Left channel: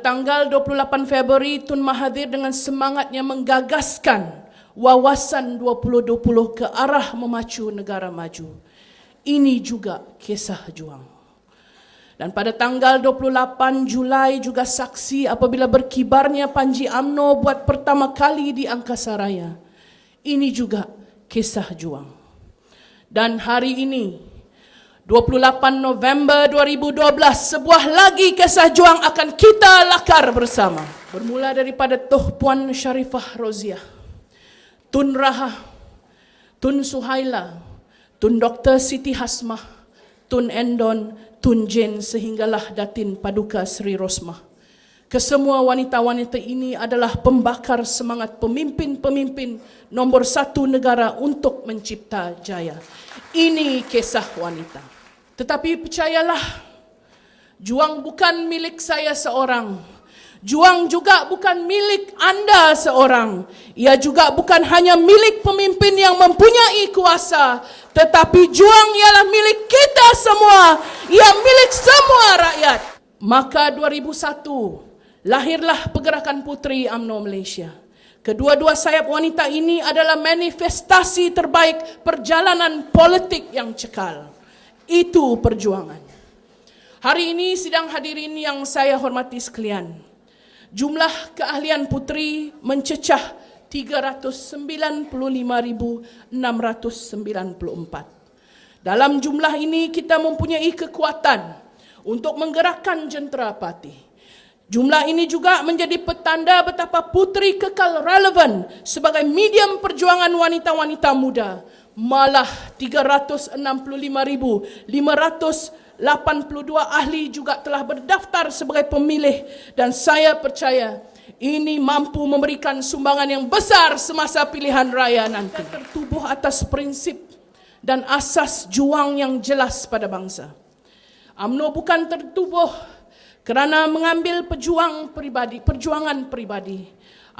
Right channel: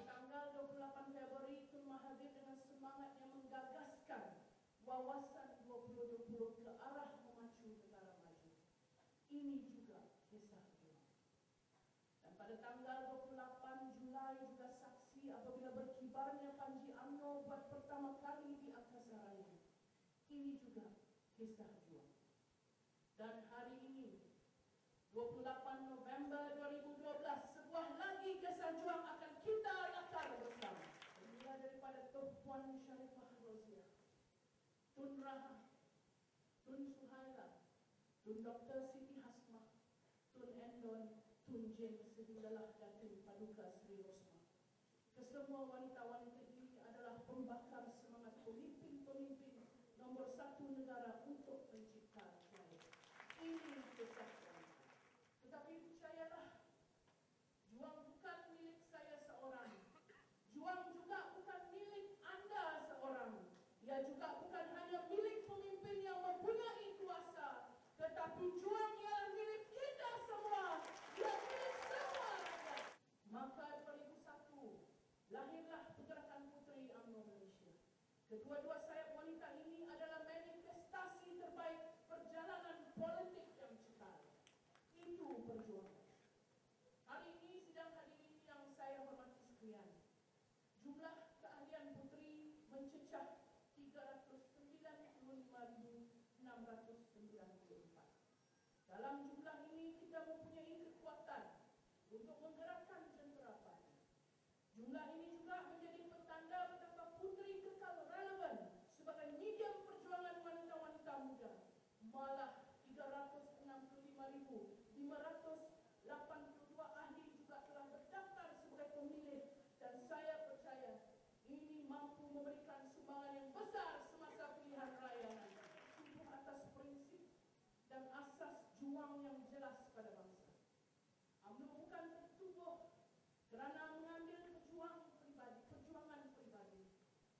tanggal 28 Februari, Tun Mahathir dengan semangatnya menggagaskan wawasan 2020 ke arah memacu negara maju. Ini juga kisah juang. Dan pada tanggal 28 Julai juga saksi apabila berkibarnya Panji UMNO buat pertama kali di Angkasa Raya. Ini juga kisah juang. Dan hari ini, 28 November 2012, sebuah lagi kisah juang akan kita lakar bersama. Bermula daripada Tuh Puan Sharifah Roziah, Tun Raha, Tun Suhaila, Tun Dr. Siti Hasmah, Tun Endon, Tun Jane sehinggalah Datin Paduka Sri Rosmah. Kesemua wanita-wanita ini adalah pembakar semangat pemimpin-pemimpin nombor satu negara untuk mencipta jaya. Ini kisah wanita. Tetapi percayalah, juang bukan milik saya seorang. Juang juga bukan milik anda seorang. Ia juga bukan hanya milik pemimpin yang mempunyai kuasa, tetapi juang ialah milik kita semua. Ia milik semua rakyat. Maka 2001 lahirlah Pergerakan Puteri UMNO Malaysia. Kedua-dua sayap wanita ini adalah manifestasi terbaik perjalanan politik yang cekal. Itu perjuangan. Hari ini sidang hadirin yang saya hormati sekalian, jumlah keahlian puteri mencecah 395,694. Dalam jumlah ini kita mempunyai kekuatan untuk menggerakkan jentera parti. Jumlah ini juga menjadi petanda betapa puteri kekal relevan sebagai medium perjuangan wanita-wanita muda. Malah 365,582 ahli juga telah berdaftar sebagai pemilih, dan saya percaya ini mampu memberikan sumbangan yang besar semasa pilihan raya nanti. Tertubuh atas prinsip dan asas juang yang jelas pada bangsa. UMNO bukan tertubuh kerana mengambil perjuangan pribadi.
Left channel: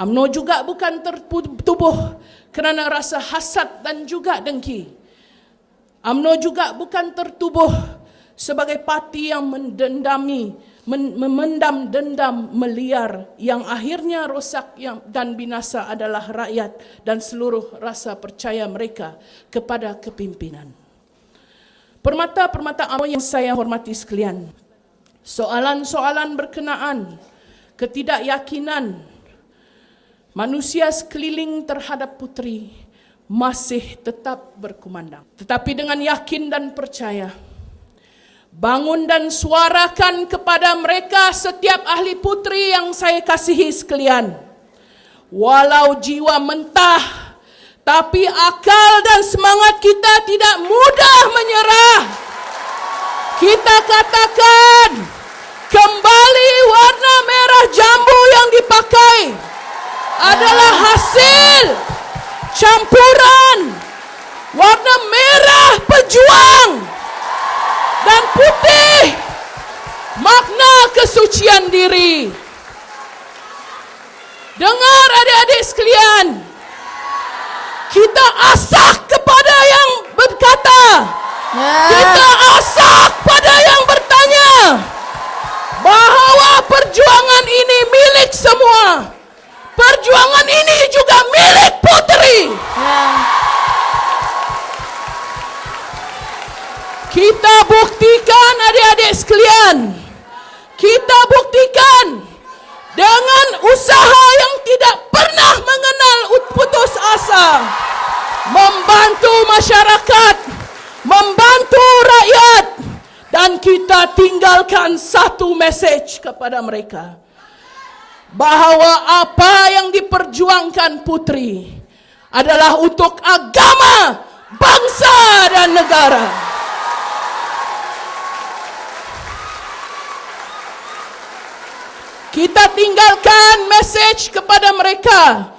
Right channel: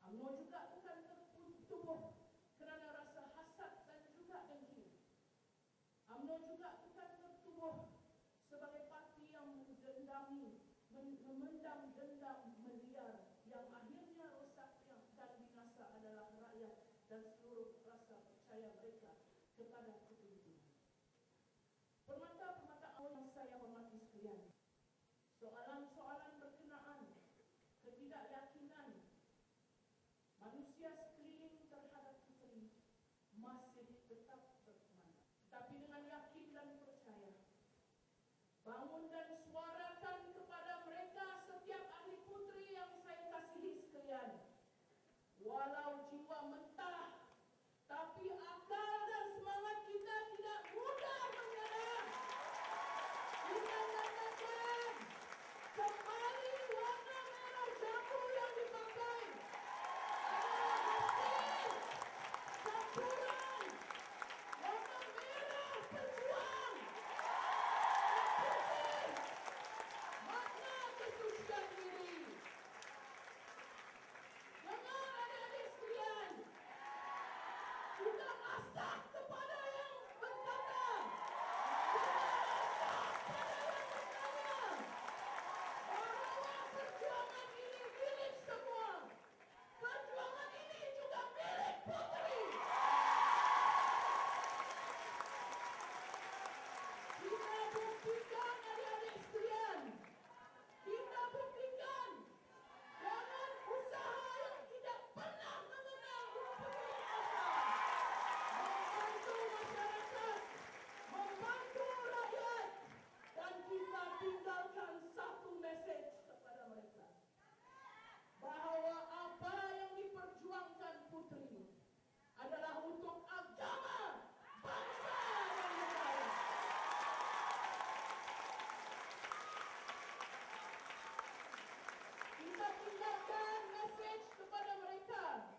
UMNO juga bukan tertubuh kerana rasa hasad dan juga dengki. UMNO juga bukan tertubuh sebagai parti yang memendam dendam meliar yang akhirnya rosak dan binasa adalah rakyat dan seluruh rasa percaya mereka kepada kepimpinan. Permata-permata UMNO yang saya hormati sekalian, soalan-soalan berkenaan ketidakyakinan manusia sekeliling terhadap puteri masih tetap berkumandang. Tetapi dengan yakin dan percaya, bangun dan suarakan kepada mereka setiap ahli puteri yang saya kasihi sekalian. Walau jiwa mentah, tapi akal dan semangat kita tidak mudah menyerah. Kita katakan, kembali warna merah jambu yang dipakai adalah hasil campuran warna merah pejuang dan putih makna kesucian diri. Dengar adik-adik sekalian, kita asak kepada yang berkata, kita asak pada yang bertanya bahawa perjuangan ini milik semua. Perjuangan ini juga milik puteri. Kita buktikan adik-adik sekalian. Kita buktikan dengan usaha yang tidak pernah mengenal putus asa. Membantu masyarakat, membantu rakyat, dan kita tinggalkan satu mesej kepada mereka, bahawa apa yang diperjuangkan puteri adalah untuk agama, bangsa dan negara. Kita tinggalkan mesej kepada mereka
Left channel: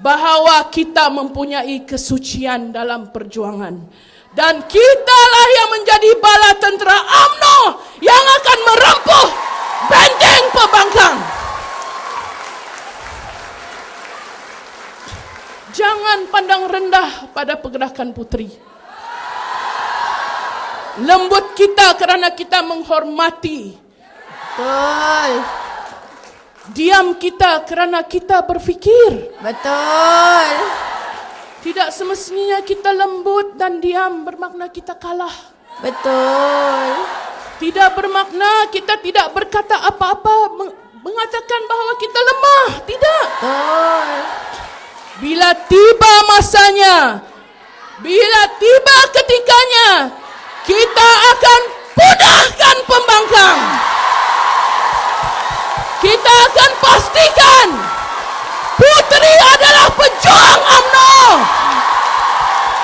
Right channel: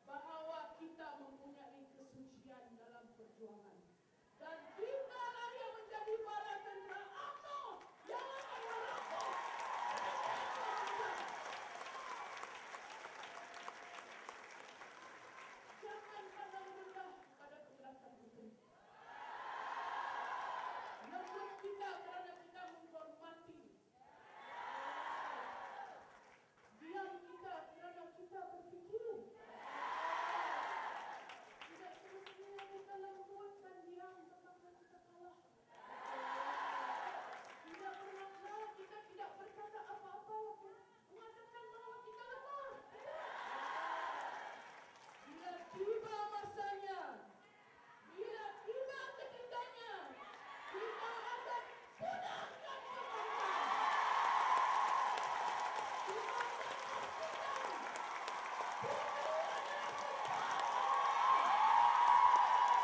bahawa kita mempunyai kesucian dalam perjuangan. Dan kitalah yang menjadi bala tentera UMNO yang akan merempuh benteng pembangkang. Jangan pandang rendah pada pergerakan puteri. Lembut kita kerana kita menghormati. Betul. Diam kita kerana kita berfikir. Betul. Tidak semestinya kita lembut dan diam bermakna kita kalah. Betul. Tidak bermakna kita tidak berkata apa-apa, mengatakan bahawa kita lemah. Tidak. Betul. Bila tiba masanya, bila tiba ketikanya, kita akan punahkan pembangkang. Kita akan pastikan Puteri adalah pejuang UMNO.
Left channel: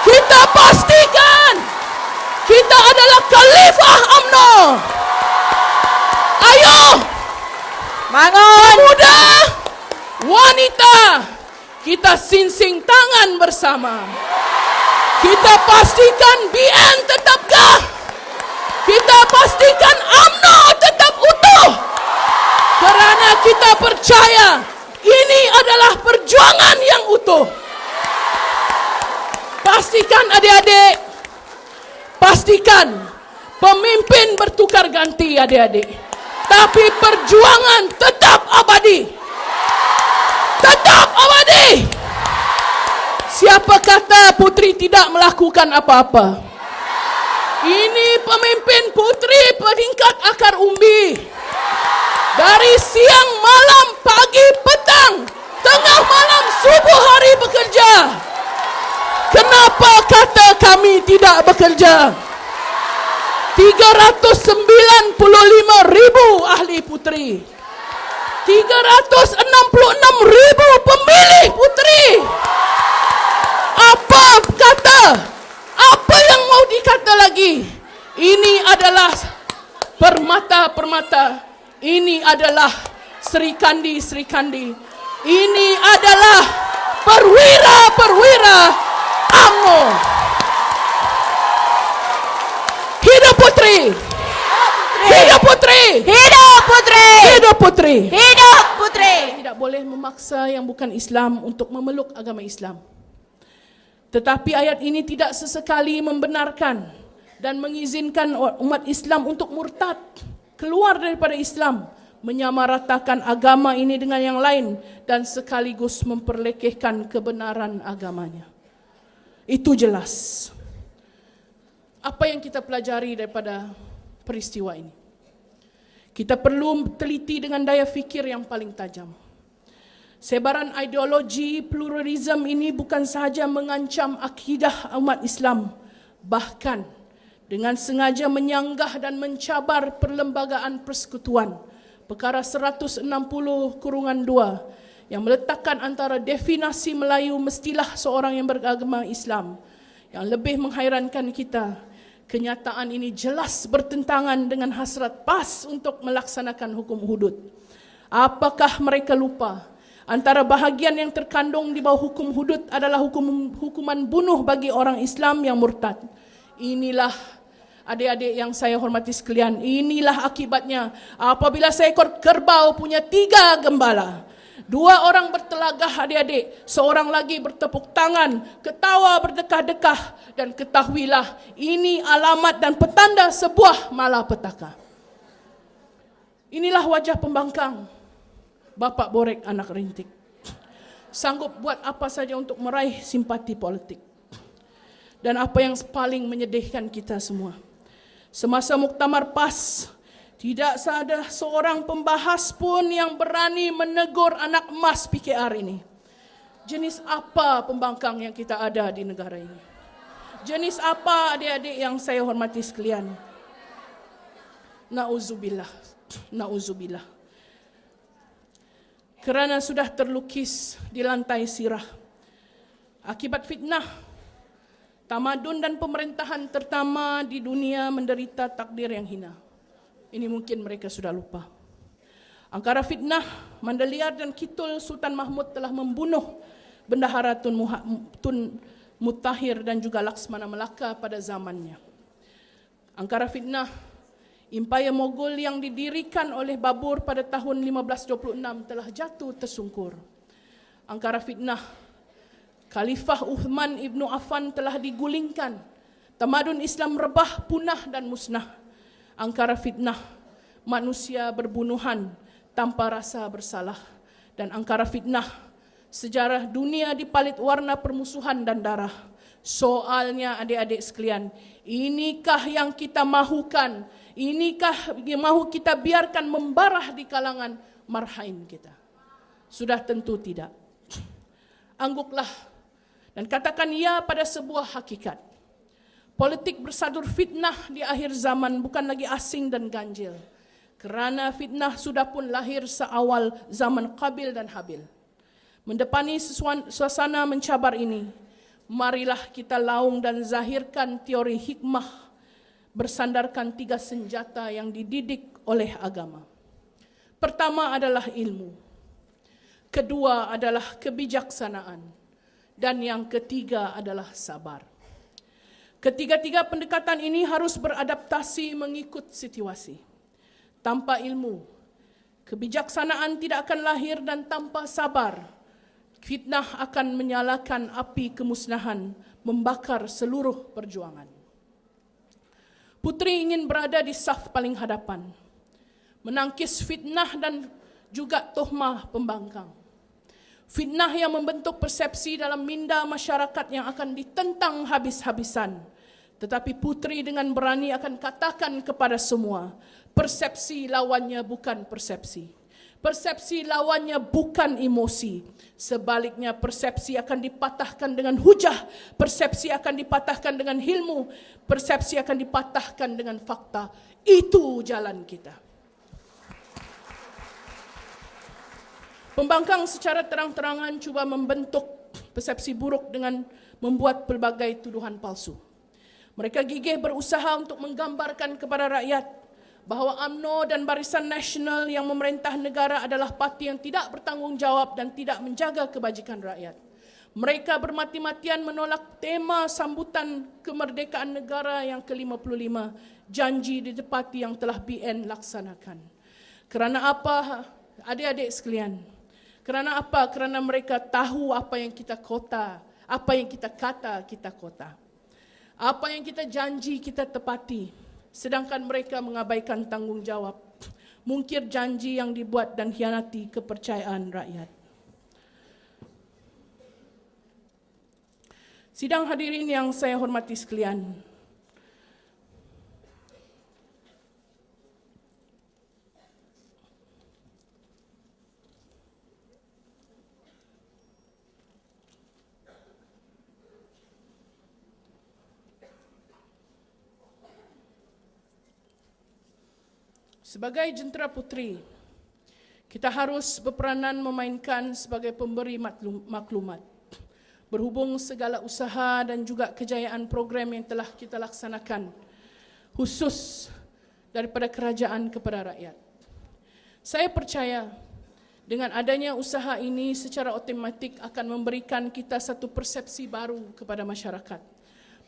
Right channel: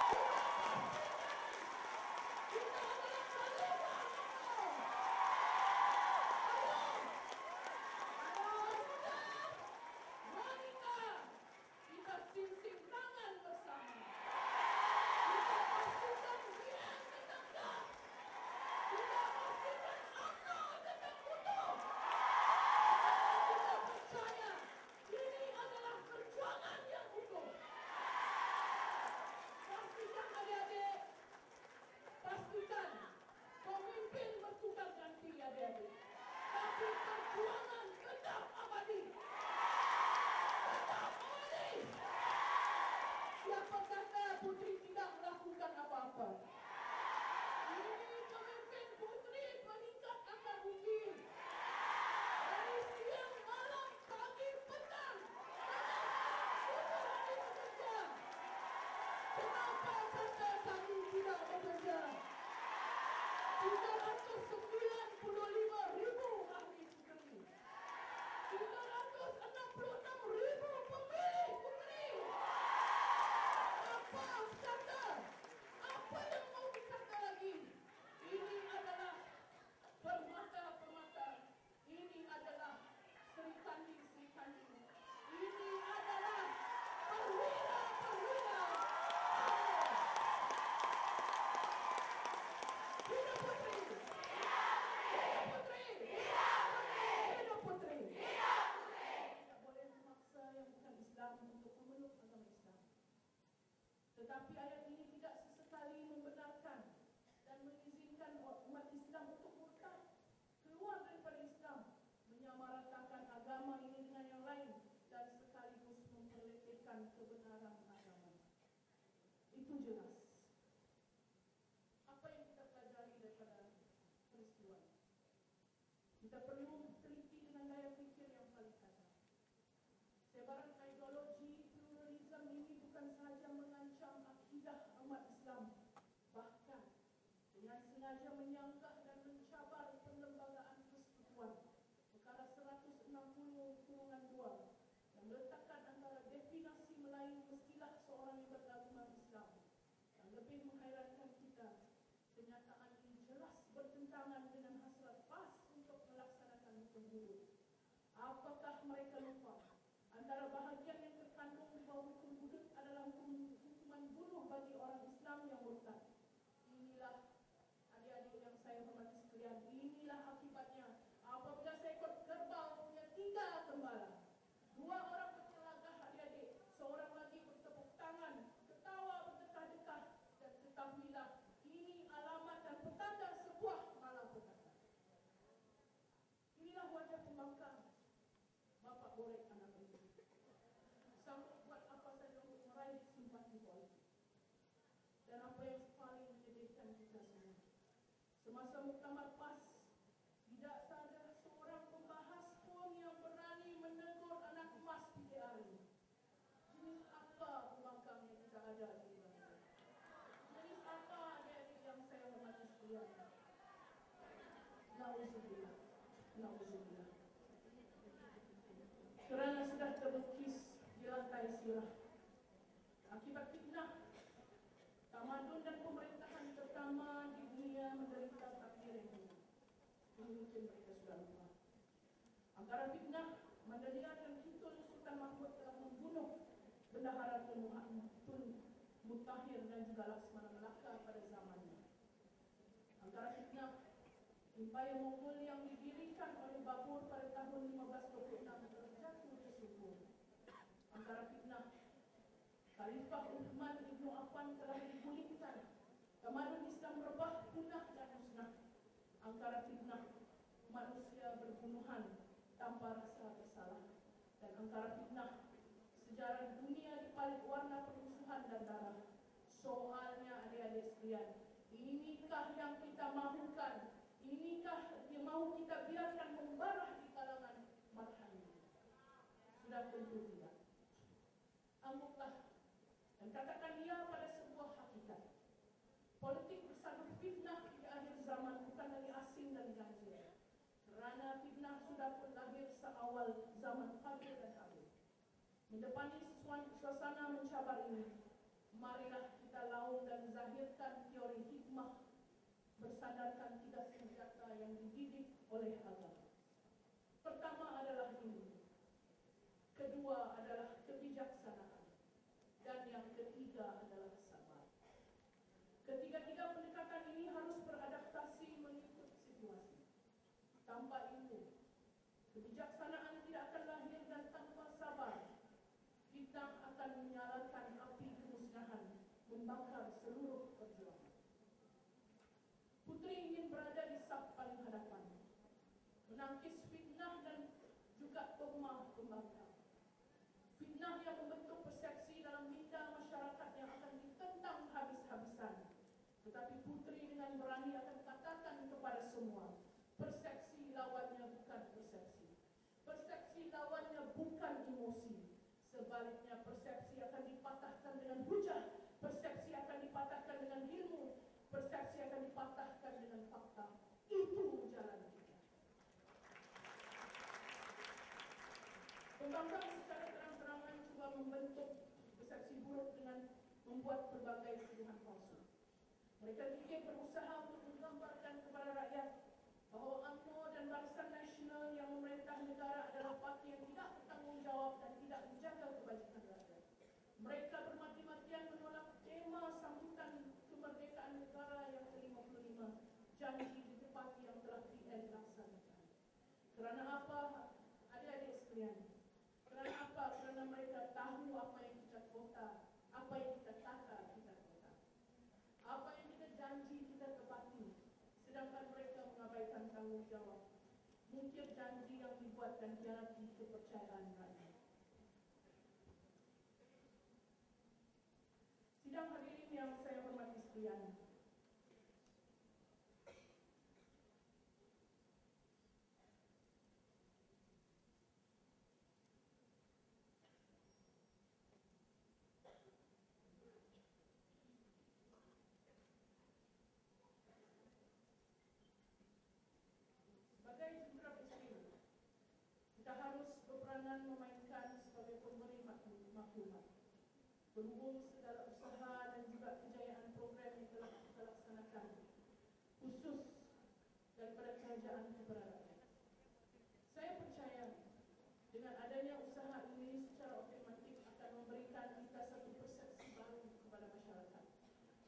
Kita pastikan kita adalah khalifah UMNO. Ayo, Bangun. pemuda, wanita, kita sinsing tangan bersama. Kita pastikan BN tetap gah. Kita pastikan UMNO tetap utuh. Kerana kita percaya ini adalah perjuangan yang utuh. Pastikan adik-adik, pastikan pemimpin bertukar ganti adik-adik. Tapi perjuangan tetap abadi. Tetap abadi. Siapa kata Puteri tidak melakukan apa-apa? Ini pemimpin Puteri peningkat akar umbi. Dari siang, malam, pagi, petang, tengah malam, subuh hari bekerja. Kenapa kata kami tidak bekerja? 395,000 ahli Puteri. 366,000 pemilih Puteri. Apa kata? Apa yang mau dikata lagi? Ini adalah permata-permata. Ini adalah Sri Kandi-Sri Kandi. Ini adalah perwira-perwira UMNO. Hidup Puteri! Hidup Puteri! Hidup Puteri. Hidup Puteri! Hidup Puteri. Tidak boleh memaksa yang bukan Islam untuk memeluk agama Islam. Tetapi ayat ini tidak sesekali membenarkan dan mengizinkan umat Islam untuk murtad, keluar daripada Islam, menyamaratakan agama ini dengan yang lain dan sekaligus memperlekehkan kebenaran agamanya. Itu jelas. Apa yang kita pelajari daripada peristiwa ini? Kita perlu teliti dengan daya fikir yang paling tajam. Sebaran ideologi pluralisme ini bukan sahaja mengancam akidah umat Islam, bahkan dengan sengaja menyanggah dan mencabar Perlembagaan Persekutuan Perkara 160/2 yang meletakkan antara definisi Melayu mestilah seorang yang beragama Islam. Yang lebih menghairankan kita, kenyataan ini jelas bertentangan dengan hasrat PAS untuk melaksanakan hukum hudud. Apakah mereka lupa antara bahagian yang terkandung di bawah hukum hudud adalah hukuman bunuh bagi orang Islam yang murtad? Inilah adik-adik yang saya hormati sekalian, inilah akibatnya apabila seekor kerbau punya 3 gembala. 2 orang bertelagah adik-adik, seorang lagi bertepuk tangan, ketawa berdekah-dekah, dan ketahuilah ini alamat dan petanda sebuah malapetaka. Inilah wajah pembangkang Bapak Borek anak rintik. Sanggup buat apa saja untuk meraih simpati politik. Dan apa yang paling menyedihkan kita semua, semasa muktamar PAS, tidak ada seorang pembahas pun yang berani menegur anak emas PKR ini. Jenis apa pembangkang yang kita ada di negara ini? Jenis apa adik-adik yang saya hormati sekalian? Na'udzubillah. Na'udzubillah. Kerana sudah terlukis di lantai sirah, akibat fitnah, tamadun dan pemerintahan terutama di dunia menderita takdir yang hina. Ini mungkin mereka sudah lupa. Angkara fitnah, Mandaliar dan Kitul, Sultan Mahmud telah membunuh Bendahara Tun Mutahir dan juga Laksmana Melaka pada zamannya. Angkara fitnah, Impaya Mogul yang didirikan oleh Babur pada tahun 1526 telah jatuh tersungkur. Angkara fitnah, Khalifah Uthman ibnu Affan telah digulingkan. Tamadun Islam rebah, punah dan musnah. Angkara fitnah, manusia berbunuhan tanpa rasa bersalah dan angkara fitnah. Sejarah dunia dipalit warna permusuhan dan darah. Soalnya adik-adik sekalian, inikah yang kita mahukan? Inikah yang mahu kita biarkan membarah di kalangan marhain kita? Sudah tentu tidak. Angguklah dan katakan ya pada sebuah hakikat. Politik bersadur fitnah di akhir zaman bukan lagi asing dan ganjil. Kerana fitnah sudah pun lahir seawal zaman Qabil dan Habil. Mendepani suasana mencabar ini, marilah kita laung dan zahirkan teori hikmah bersandarkan 3 senjata yang dididik oleh agama. Pertama adalah ilmu. Kedua adalah kebijaksanaan. Dan yang ketiga adalah sabar. Ketiga-tiga pendekatan ini harus beradaptasi mengikut situasi. Tanpa ilmu, kebijaksanaan tidak akan lahir, dan tanpa sabar, fitnah akan menyalakan api kemusnahan, membakar seluruh perjuangan. Putri ingin berada di saf paling hadapan, menangkis fitnah dan juga tuhmah pembangkang. Fitnah yang membentuk persepsi dalam minda masyarakat yang akan ditentang habis-habisan. Tetapi putri dengan berani akan katakan kepada semua, persepsi lawannya bukan persepsi. Persepsi lawannya bukan emosi. Sebaliknya persepsi akan dipatahkan dengan hujah. Persepsi akan dipatahkan dengan ilmu. Persepsi akan dipatahkan dengan fakta. Itu jalan kita. Pembangkang secara terang-terangan cuba membentuk persepsi buruk dengan membuat pelbagai tuduhan palsu. Mereka gigih berusaha untuk menggambarkan kepada rakyat bahawa UMNO dan Barisan Nasional yang memerintah negara adalah parti yang tidak bertanggungjawab dan tidak menjaga kebajikan rakyat. Mereka bermati-matian menolak tema sambutan kemerdekaan negara yang ke-55, janji ditepati yang telah BN laksanakan. Kerana apa, adik-adik sekalian? Kerana apa? Kerana mereka tahu apa yang kita kota, apa yang kita kata kita kota. Apa yang kita janji kita tepati. Sedangkan mereka mengabaikan tanggungjawab, mungkir janji yang dibuat dan hianati kepercayaan rakyat. Sidang hadirin yang saya hormati sekalian, sebagai jentera putri, kita harus berperanan memainkan sebagai pemberi maklumat. Berhubung segala usaha dan juga kejayaan program yang telah kita laksanakan, khusus daripada kerajaan kepada rakyat. Saya percaya dengan adanya usaha ini secara otomatik akan memberikan kita satu persepsi baru kepada masyarakat.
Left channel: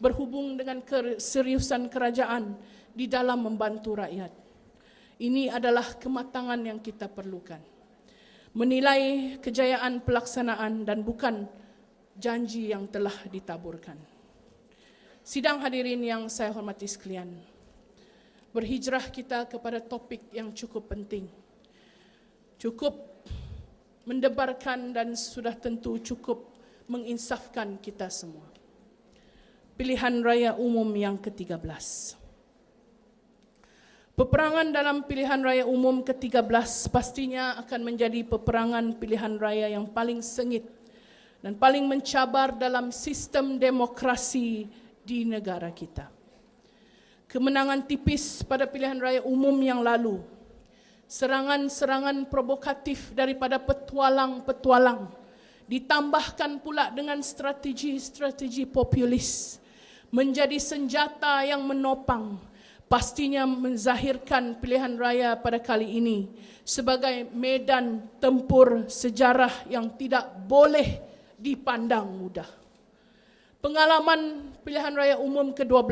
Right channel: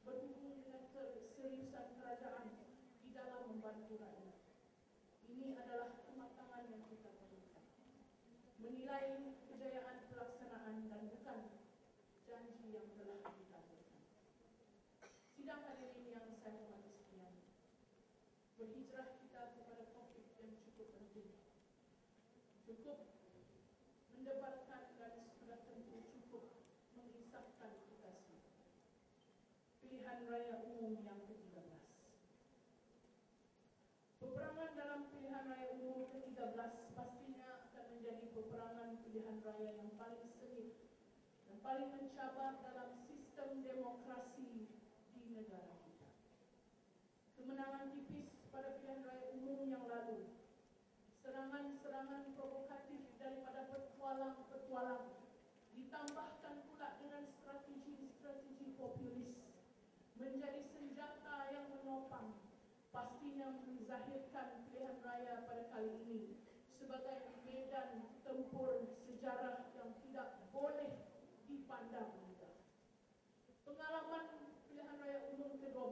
Berhubung dengan keseriusan kerajaan di dalam membantu rakyat. Ini adalah kematangan yang kita perlukan. Menilai kejayaan pelaksanaan dan bukan janji yang telah ditaburkan. Sidang hadirin yang saya hormati sekalian, berhijrah kita kepada topik yang cukup penting. Cukup mendebarkan dan sudah tentu cukup menginsafkan kita semua. Pilihan Raya Umum yang ke-13. Peperangan dalam pilihan raya umum ke-13 pastinya akan menjadi peperangan pilihan raya yang paling sengit dan paling mencabar dalam sistem demokrasi di negara kita. Kemenangan tipis pada pilihan raya umum yang lalu, serangan-serangan provokatif daripada petualang-petualang, ditambahkan pula dengan strategi-strategi populis, menjadi senjata yang menopang, pastinya menzahirkan pilihan raya pada kali ini sebagai medan tempur sejarah yang tidak boleh dipandang mudah. Pengalaman pilihan raya umum ke-12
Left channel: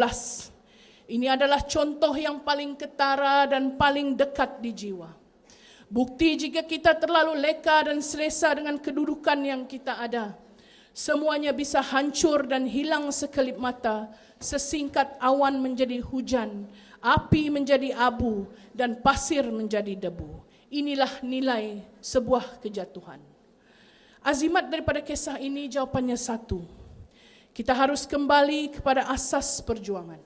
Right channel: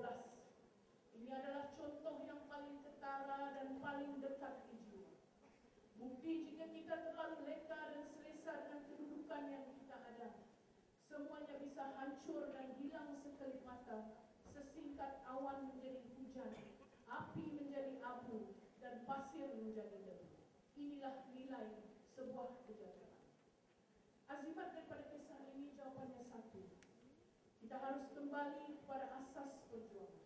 ini adalah contoh yang paling ketara dan paling dekat di jiwa. Bukti jika kita terlalu leka dan selesa dengan kedudukan yang kita ada, semuanya bisa hancur dan hilang sekelip mata, sesingkat awan menjadi hujan, api menjadi abu, dan pasir menjadi debu. inilah nilai sebuah kejatuhan. Azimat daripada kisah ini jawapannya satu. Kita harus kembali kepada asas perjuangan.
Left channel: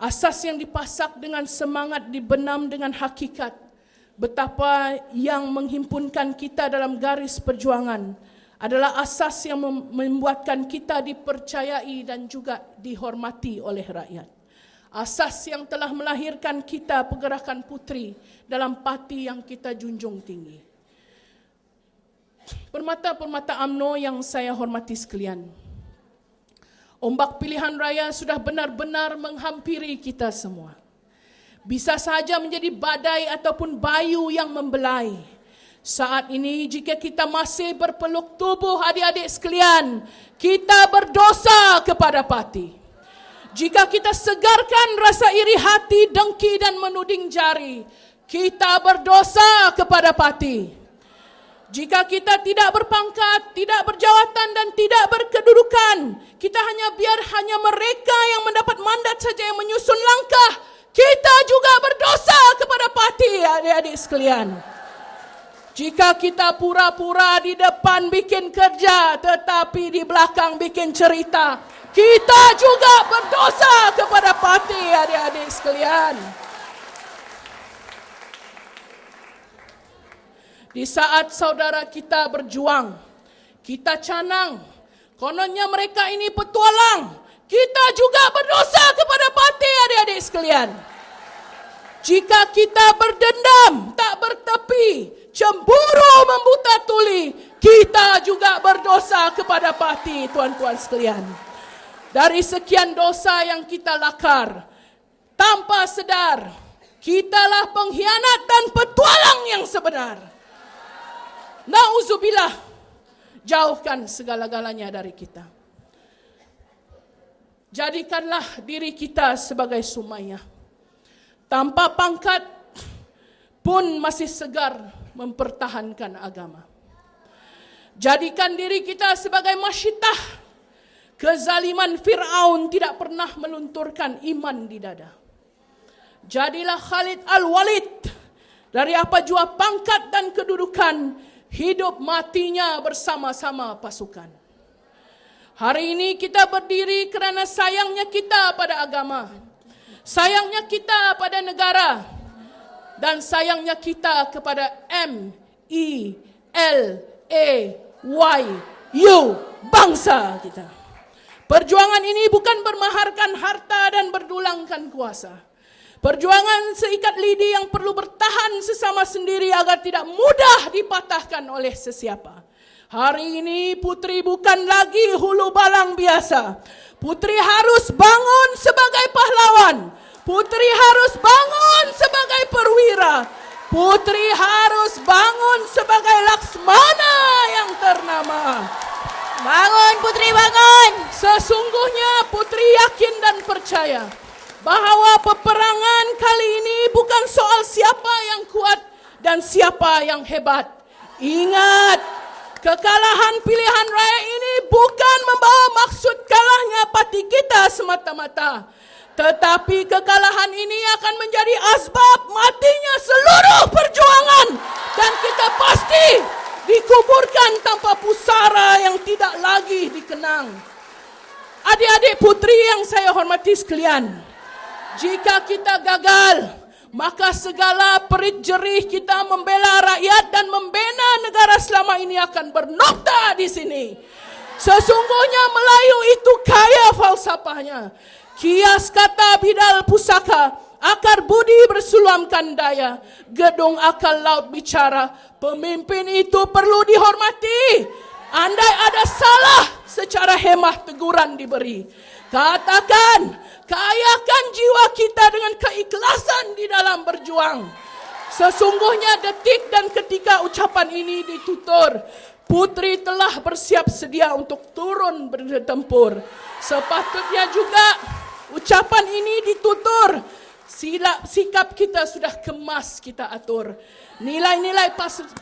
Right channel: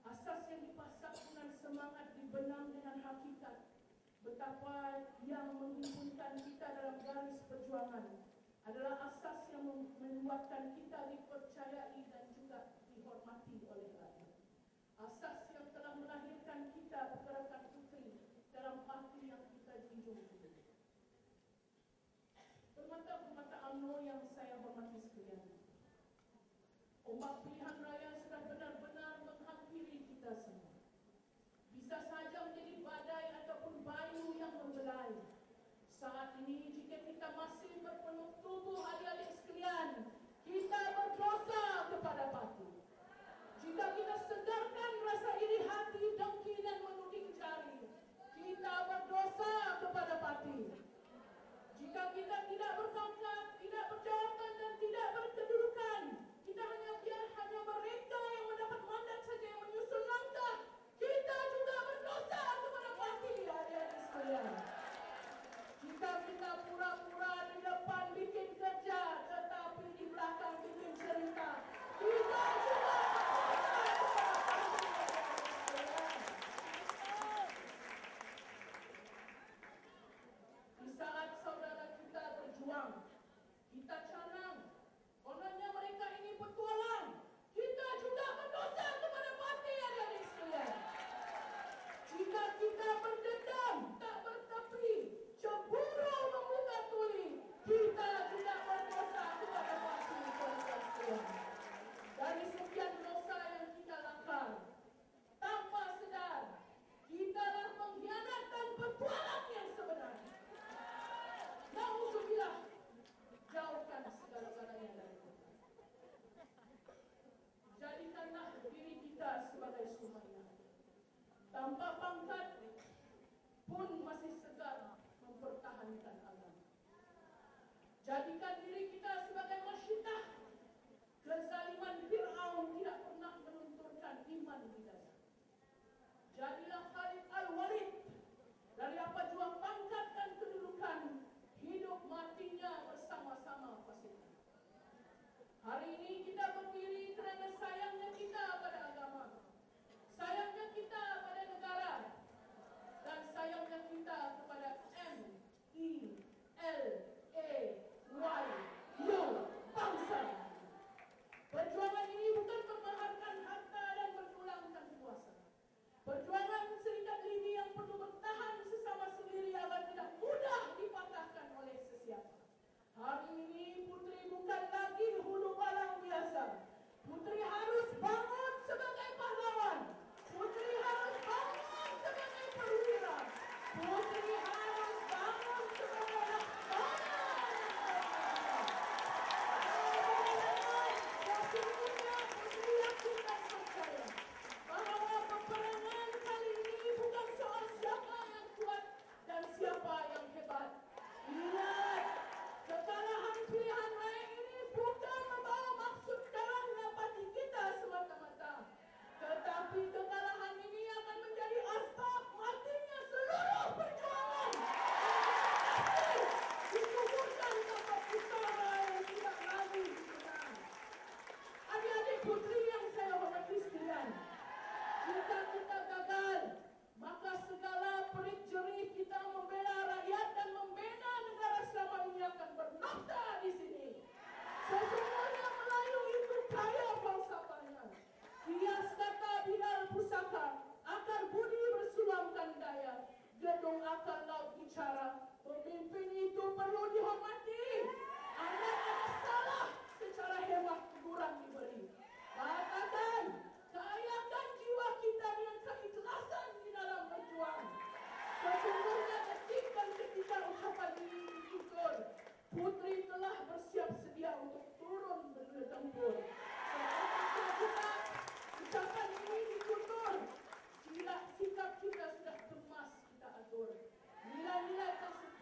Asas yang dipasak dengan semangat, dibenam dengan hakikat. Betapa yang menghimpunkan kita dalam garis perjuangan adalah asas yang membuatkan kita dipercayai dan juga dihormati oleh rakyat. Asas yang telah melahirkan kita pergerakan puteri dalam parti yang kita junjung tinggi. Permata-permata UMNO yang saya hormati sekalian, ombak pilihan raya sudah benar-benar menghampiri kita semua. Bisa saja menjadi badai ataupun bayu yang membelai. Saat ini jika kita masih berpeluk tubuh adik-adik sekalian, kita berdosa kepada parti. Jika kita segarkan rasa iri hati, dengki dan menuding jari, kita berdosa kepada parti. Jika kita tidak berpangkat, tidak berjawatan dan tidak berkedudukan, kita hanya mereka yang mendapat mandat saja yang menyusun langkah, kita juga berdosa kepada parti, adik-adik sekalian. Jika kita pura-pura di depan bikin kerja, tetapi di belakang bikin cerita, kita juga berdosa kepada parti, adik-adik sekalian. Di saat saudara kita berjuang, kita canang, kononnya mereka ini petualang, kita juga berdosa kepada parti, adik-adik sekalian. Jika kita berdendam, tak bertepi, cemburu membuta tuli, kita juga berdosa kepada parti, tuan-tuan sekalian. Dari sekian dosa yang kita lakar, tanpa sedar, kitalah pengkhianat dan petualang yang sebenar. Nauzubillah, jauhkan segala-galanya dari kita. Jadikanlah diri kita sebagai Sumayyah. Tanpa pangkat pun masih segar mempertahankan agama. Jadikan diri kita sebagai Masyitah. Kezaliman Fir'aun tidak pernah melunturkan iman di dada. Jadilah Khalid Al-Walid. Dari apa jua pangkat dan kedudukan, hidup matinya bersama-sama pasukan. Hari ini kita berdiri kerana sayangnya kita pada agama, sayangnya kita pada negara, dan sayangnya kita kepada MELAYU, bangsa kita. Perjuangan ini bukan bermaharkan harta dan berdulangkan kuasa. Perjuangan seikat lidi yang perlu bertahan sesama sendiri agar tidak mudah dipatahkan oleh sesiapa. Hari ini putri bukan lagi hulu balang biasa. Putri harus bangun sebagai pahlawan. Putri harus bangun sebagai perwira. Putri harus bangun sebagai Laksmana yang ternama. Bangun putri, bangun. Sesungguhnya putri yakin dan percaya bahawa peperangan kali ini bukan soal siapa yang kuat dan siapa yang hebat. Ingat, kekalahan pilihan raya ini bukan membawa maksud kalahnya parti kita semata-mata. Tetapi kekalahan ini akan menjadi asbab matinya seluruh perjuangan. Dan kita pasti dikuburkan tanpa pusara yang tidak lagi dikenang. Adik-adik putri yang saya hormati sekalian, jika kita gagal, maka segala perit jerih kita membela rakyat dan membina negara selama ini akan bernokta di sini. Sesungguhnya Melayu itu kaya falsafahnya. Kias kata bidal pusaka, akar budi bersulamkan daya. Gedung akal laut bicara, pemimpin itu perlu dihormati. Andai ada salah, secara hemah teguran diberi. Katakan, kayakan jiwa kita dengan keikhlasan di dalam berjuang. Sesungguhnya detik dan ketika ucapan ini ditutur, putri telah bersiap sedia untuk turun bertempur. Sepatutnya juga ucapan ini ditutur, sikap kita sudah kemas kita atur. Nilai-nilai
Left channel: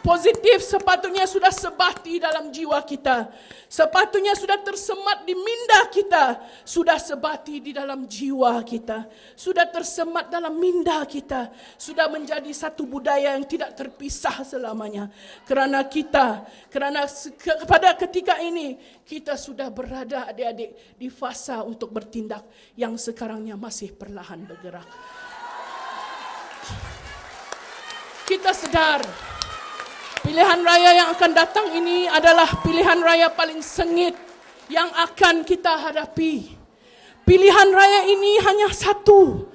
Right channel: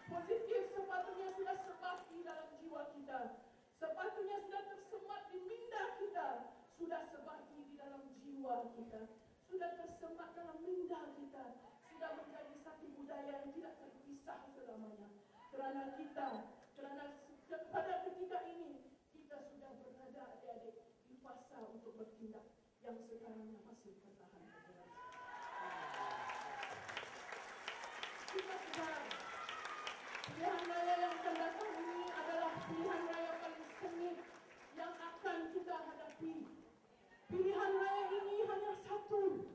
positif sepatutnya sudah sebati dalam jiwa kita. Sepatutnya sudah tersemat di minda kita. Sudah sebati di dalam jiwa kita. Sudah tersemat dalam minda kita. Sudah menjadi satu budaya yang tidak terpisah selamanya. Kerana pada ketika ini, kita sudah berada adik-adik di fasa untuk bertindak yang sekarangnya masih perlahan bergerak. Kita sedar pilihan raya yang akan datang ini adalah pilihan raya paling sengit yang akan kita hadapi. Pilihan raya ini hanya satu,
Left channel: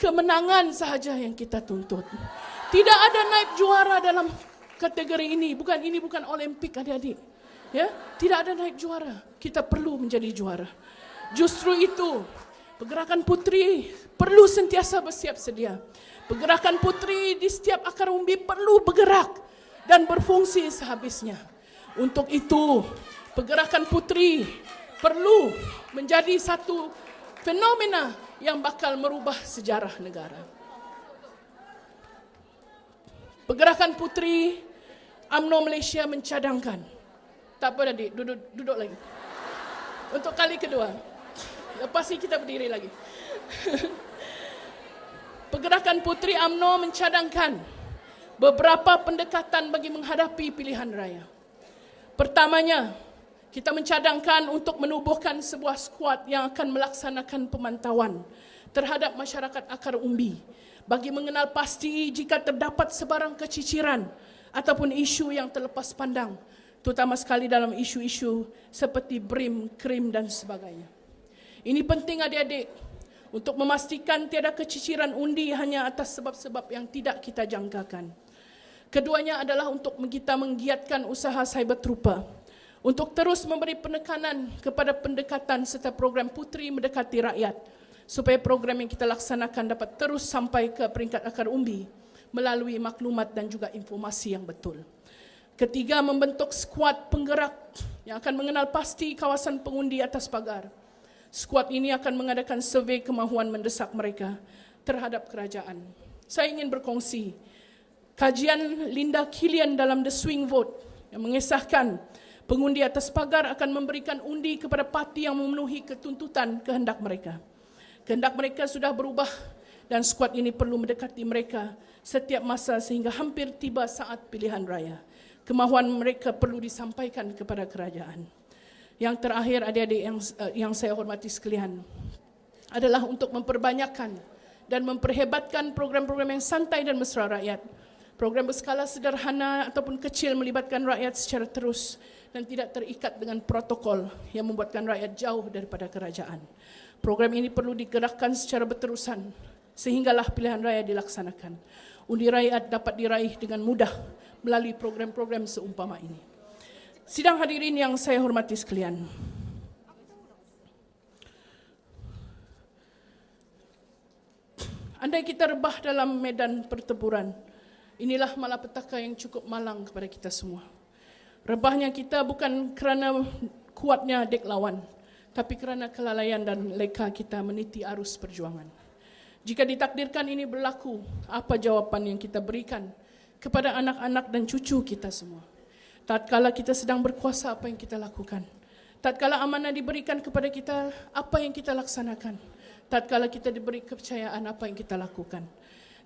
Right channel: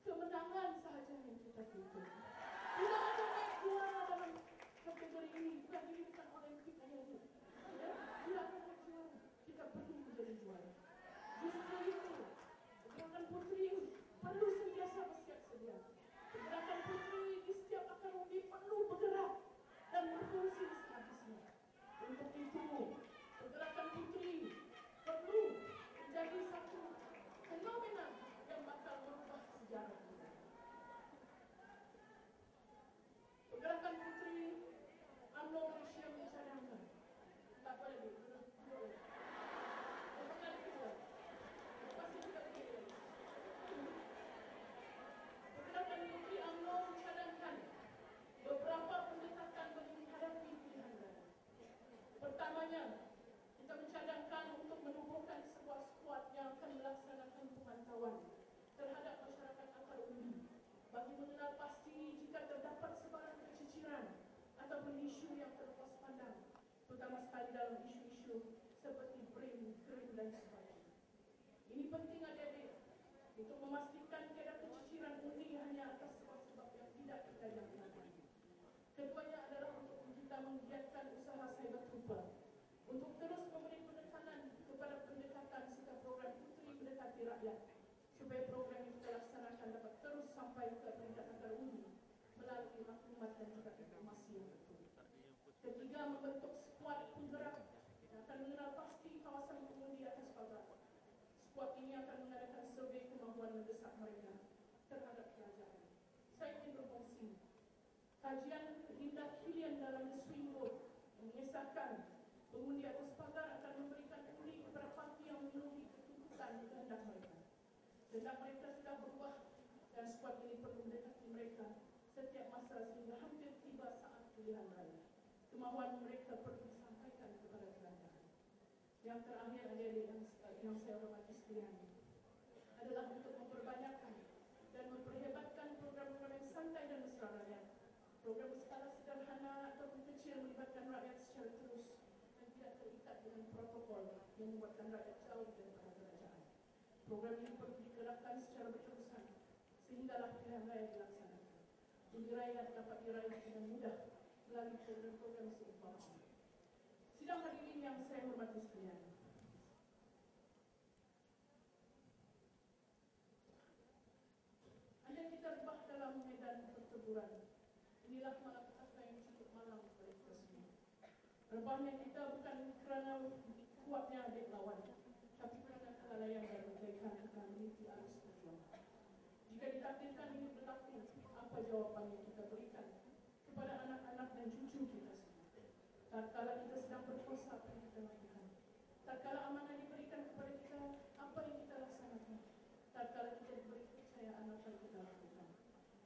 kemenangan sahaja yang kita tuntut. Tidak ada naik juara dalam kategori ini. Ini bukan Olimpik adik-adik. Ya, tidak ada naik juara. Kita perlu menjadi juara. Justru itu, pergerakan putri perlu sentiasa bersiap sedia. Pergerakan putri di setiap akar umbi perlu bergerak dan berfungsi sehabisnya. Untuk itu, pergerakan putri perlu menjadi satu fenomena yang bakal merubah sejarah negara. Pergerakan putri UMNO Malaysia mencadangkan. Tak apa adik, duduk lagi. Untuk kali kedua. Lepas ini kita berdiri lagi. Pergerakan Putri UMNO mencadangkan beberapa pendekatan bagi menghadapi pilihan raya. Pertamanya, kita mencadangkan untuk menubuhkan sebuah skuad yang akan melaksanakan pemantauan terhadap masyarakat akar umbi bagi mengenal pasti jika terdapat sebarang keciciran ataupun isu yang terlepas pandang, terutama sekali dalam isu-isu seperti BRIM, KRIM dan sebagainya. Ini penting adik-adik, untuk memastikan tiada keciciran undi hanya atas sebab-sebab yang tidak kita jangkakan. Keduanya adalah untuk kita menggiatkan usaha cyber trooper, untuk terus memberi penekanan kepada pendekatan serta program putri mendekati rakyat, supaya program yang kita laksanakan dapat terus sampai ke peringkat akar umbi melalui maklumat dan juga informasi yang betul. Ketiga, membentuk skuad penggerak yang akan mengenal pasti kawasan pengundi atas pagar. Skuad ini akan mengadakan survei kemahuan mendesak mereka terhadap kerajaan. Saya ingin berkongsi kajian Linda Killian dalam The Swing Vote yang mengisahkan pengundi atas pagar akan memberikan undi kepada parti yang memenuhi ketuntutan kehendak mereka. Kehendak mereka sudah berubah dan skuad ini perlu mendekati mereka setiap masa sehingga hampir tiba saat pilihan raya. Kemahuan mereka perlu disampaikan kepada kerajaan. Yang terakhir adik-adik yang saya hormati sekalian adalah untuk memperbanyakkan dan memperhebatkan program-program yang santai dan mesra rakyat. Program berskala sederhana ataupun kecil melibatkan rakyat secara terus dan tidak terikat dengan protokol yang membuatkan rakyat jauh daripada kerajaan. Program ini perlu digerakkan secara berterusan sehinggalah pilihan raya dilaksanakan. Undi rakyat dapat diraih dengan mudah melalui program-program seumpama ini. Sidang hadirin yang saya hormati sekalian. Andai kita rebah dalam medan pertempuran, inilah malapetaka yang cukup malang kepada kita semua. Rebahnya kita bukan kerana kuatnya dek lawan, tapi kerana kelalaian dan leka kita meniti arus perjuangan. Jika ditakdirkan ini berlaku, apa jawapan yang kita berikan kepada anak-anak dan cucu kita semua? Tatkala kita sedang berkuasa, apa yang kita lakukan? Tatkala amanah diberikan kepada kita, apa yang kita laksanakan? Tatkala kita diberi kepercayaan, apa yang kita lakukan?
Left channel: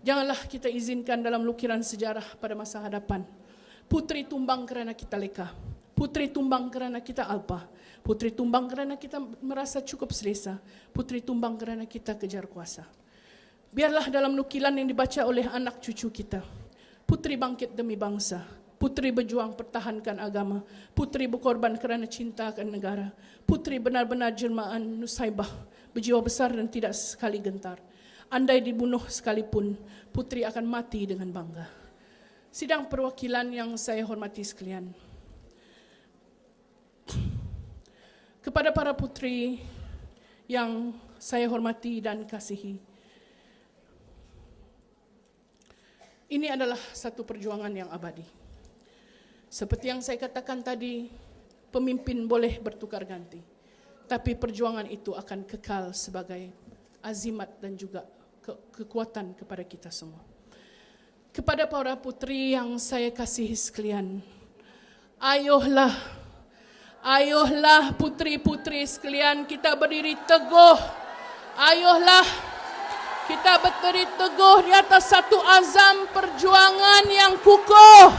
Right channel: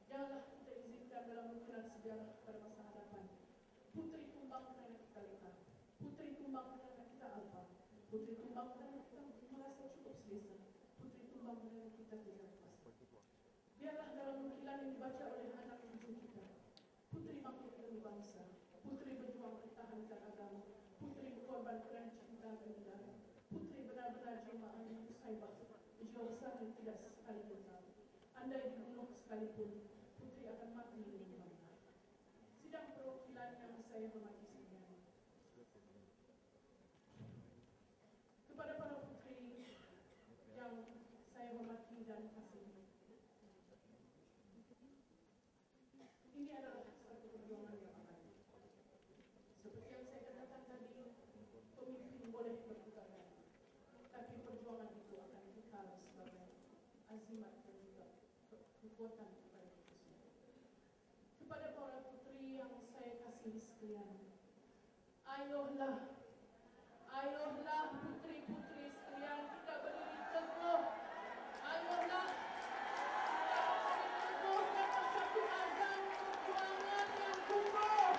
Janganlah kita izinkan dalam lukiran sejarah pada masa hadapan putri tumbang kerana kita leka, putri tumbang kerana kita alpa, putri tumbang kerana kita merasa cukup selesa, putri tumbang kerana kita kejar kuasa. Biarlah dalam nukilan yang dibaca oleh anak cucu kita, putri bangkit demi bangsa, putri berjuang pertahankan agama, putri berkorban kerana cinta akan negara, putri benar-benar jelmaan Nusaibah, berjiwa besar dan tidak sekali gentar. Andai dibunuh sekalipun, putri akan mati dengan bangga. Sidang perwakilan yang saya hormati sekalian, kepada para putri yang saya hormati dan kasihi, ini adalah satu perjuangan yang abadi. Seperti yang saya katakan tadi, pemimpin boleh bertukar ganti, tapi perjuangan itu akan kekal sebagai azimat dan juga kekuatan kepada kita semua. Kepada para putri yang saya kasihi sekalian, ayolah putri-putri sekalian, kita berdiri teguh. Ayolah kita berdiri teguh di atas satu azam perjuangan yang kukuh.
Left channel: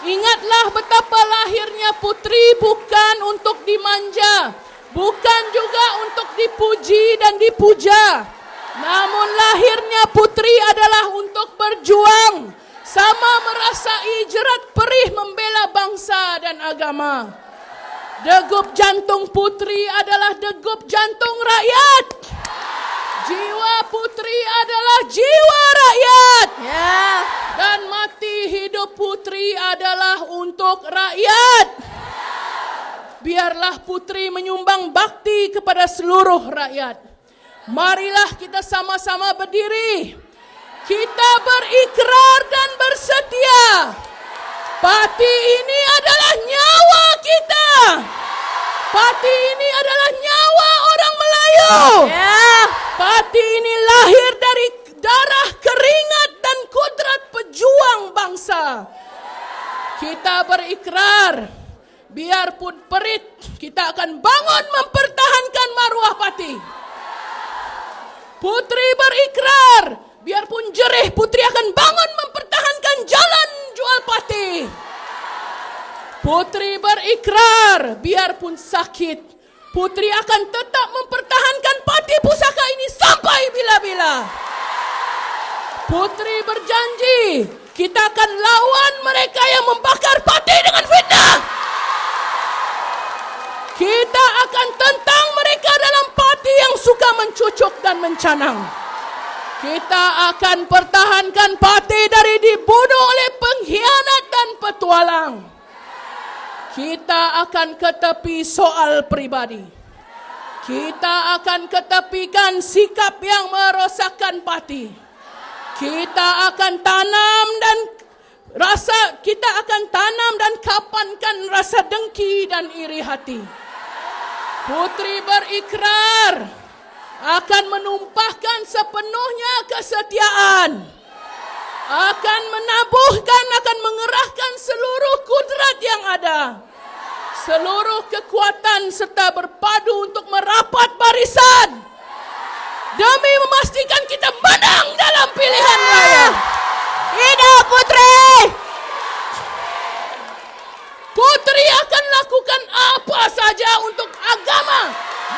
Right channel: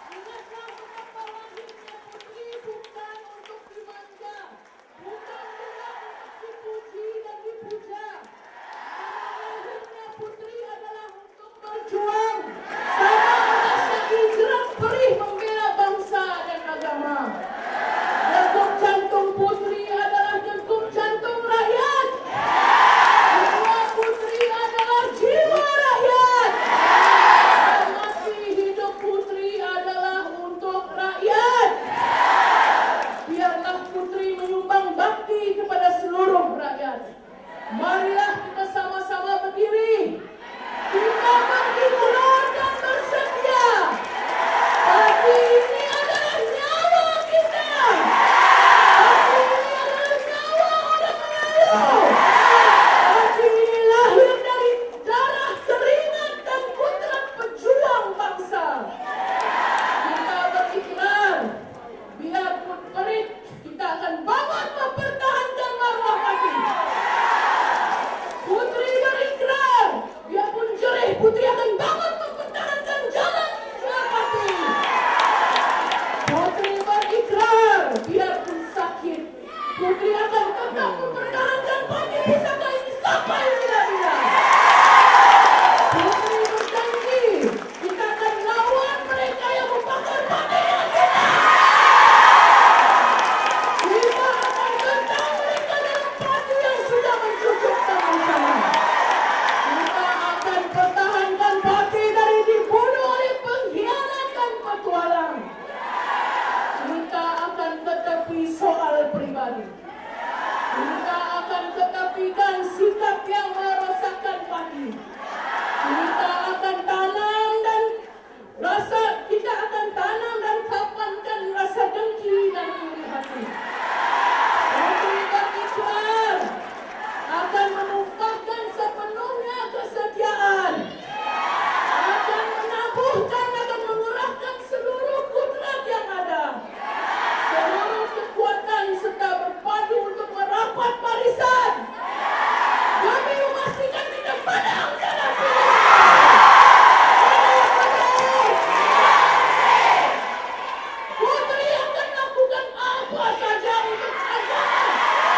Ingatlah betapa lahirnya putri bukan untuk dimanja, bukan juga untuk dipuji dan dipuja. Namun lahirnya putri adalah untuk berjuang, sama merasai jerat perih membela bangsa dan agama. Degup jantung putri adalah degup jantung rakyat. Jiwa putri adalah jiwa rakyat. Dan mati hidup putri adalah untuk rakyat. Biarlah putri menyumbang bakti kepada seluruh rakyat. Marilah kita sama-sama berdiri. Kita berikrar dan bersedia. Pati ini adalah nyawa kita. Pati ini adalah nyawa orang Melayu. Pati ini lahir dari darah, keringat dan kudrat pejuang bangsa. Kita berikrar, biarpun perit, kita akan bangun mempertahankan maruah Pati. Putri berikrar, biarpun jerih, putri akan bangun mempertahankan jalan jual Pati. Putri berikrar, biarpun sakit, putri akan tetap mempertahankan Pati Pusaka ini sampai bila-bila. Putri berjanji, kita akan lawan mereka yang membakar Pati dengan fitnah. Kita akan tentang mereka dalam Pati yang suka mencucuk dan mencanang. Kita akan pertahankan Pati dari dibunuh oleh pengkhianat dan petualang. Kita akan ketepi soal pribadi. Kita akan ketepikan sikap yang merosakkan Pati. Kita akan tanam dan kapankan rasa dengki dan iri hati. Putri berikrar akan menumpahkan sepenuhnya kesetiaan, akan menabuhkan, akan mengerahkan seluruh kudrat yang ada, seluruh kekuatan serta berpadu untuk merapat barisan demi memastikan kita menang dalam pilihan raya. Hidup Putri! Putri akan lakukan apa saja untuk agama,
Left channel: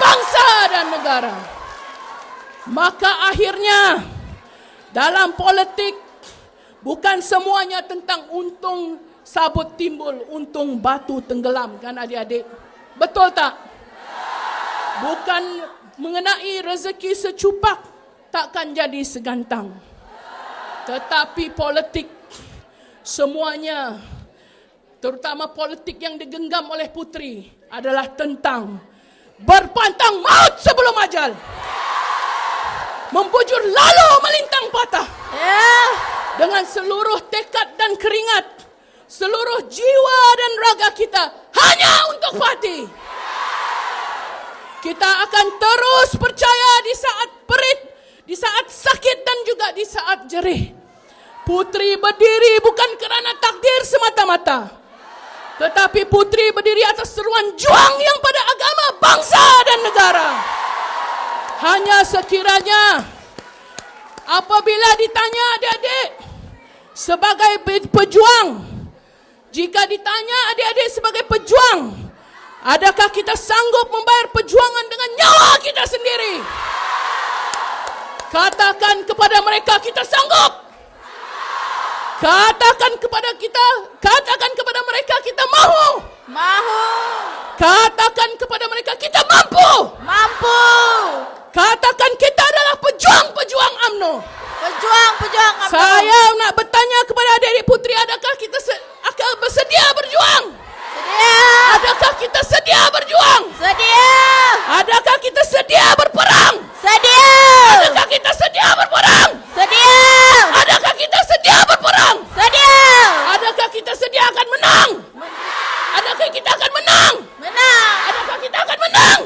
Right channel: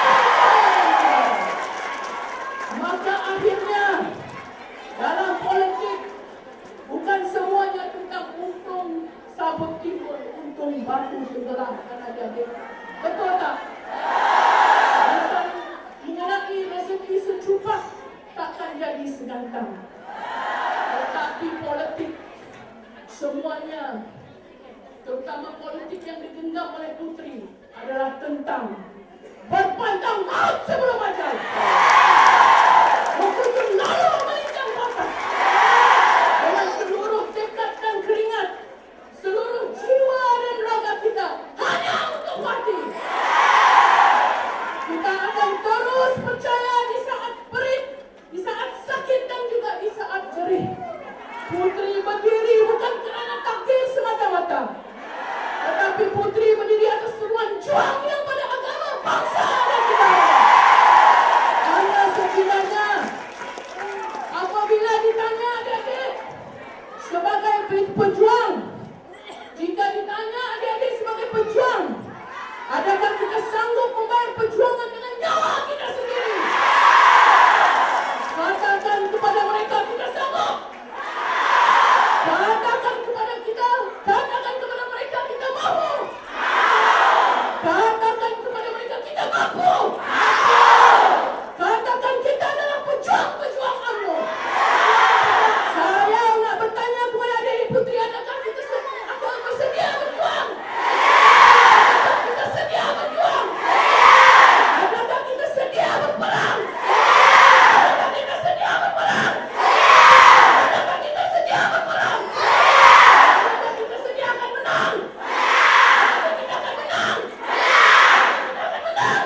bangsa dan negara. Maka akhirnya dalam politik bukan semuanya tentang untung sabut timbul, untung batu tenggelam, kan adik-adik? Betul tak? Bukan mengenai rezeki secupak takkan jadi segantang. Tetapi politik semuanya, terutama politik yang digenggam oleh putri, adalah tentang berpantang maut sebelum ajal, membujur lalu melintang patah, dengan seluruh tekad dan keringat, seluruh jiwa dan raga kita hanya untuk Pati. Kita akan terus percaya di saat perit, di saat sakit dan juga di saat jerih. Putri berdiri bukan kerana takdir semata-mata, tetapi putri berdiri atas seruan juang yang pada agama, bangsa dan negara. Hanya sekiranya apabila ditanya adik-adik sebagai pejuang, jika ditanya adik-adik sebagai pejuang, adakah kita sanggup membayar perjuangan dengan nyawa kita sendiri? Katakan kepada mereka kita sanggup. Katakan kepada mereka kita mahu. Katakan kepada mereka kita mampu. Katakan kita adalah pejuang-pejuang UMNO. Saya nak bertanya kepada adik-adik putri, adakah kita akan bersedia berjuang? Adakah kita sedia berjuang? Adakah kita sedia berperang? Adakah kita sedia berperang? Adakah kita sedia berperang? Adakah kita sedia akan menang? Adakah kita akan menang? Adakah kita akan menang?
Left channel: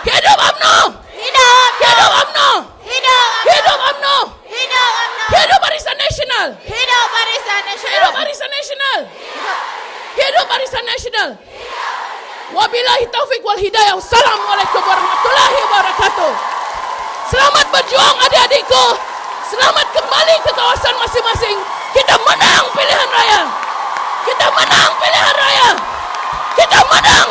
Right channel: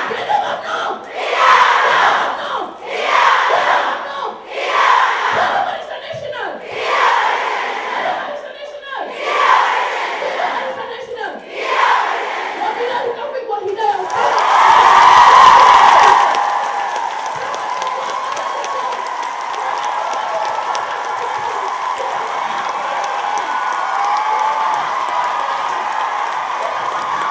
Hidup UMNO! Hidup UMNO! Hidup UMNO! Nasional. Hidup Barisan Nasional. Hidup Barisan Nasional. Hidup Barisan Nasional. Wabillahi taufik wal hidayah. Assalamualaikum warahmatullahi wabarakatuh. Selamat berjuang adik-adikku. Selamat kembali ke kawasan masing-masing. Kita menang pilihan raya. Kita menang pilihan raya. Kita menang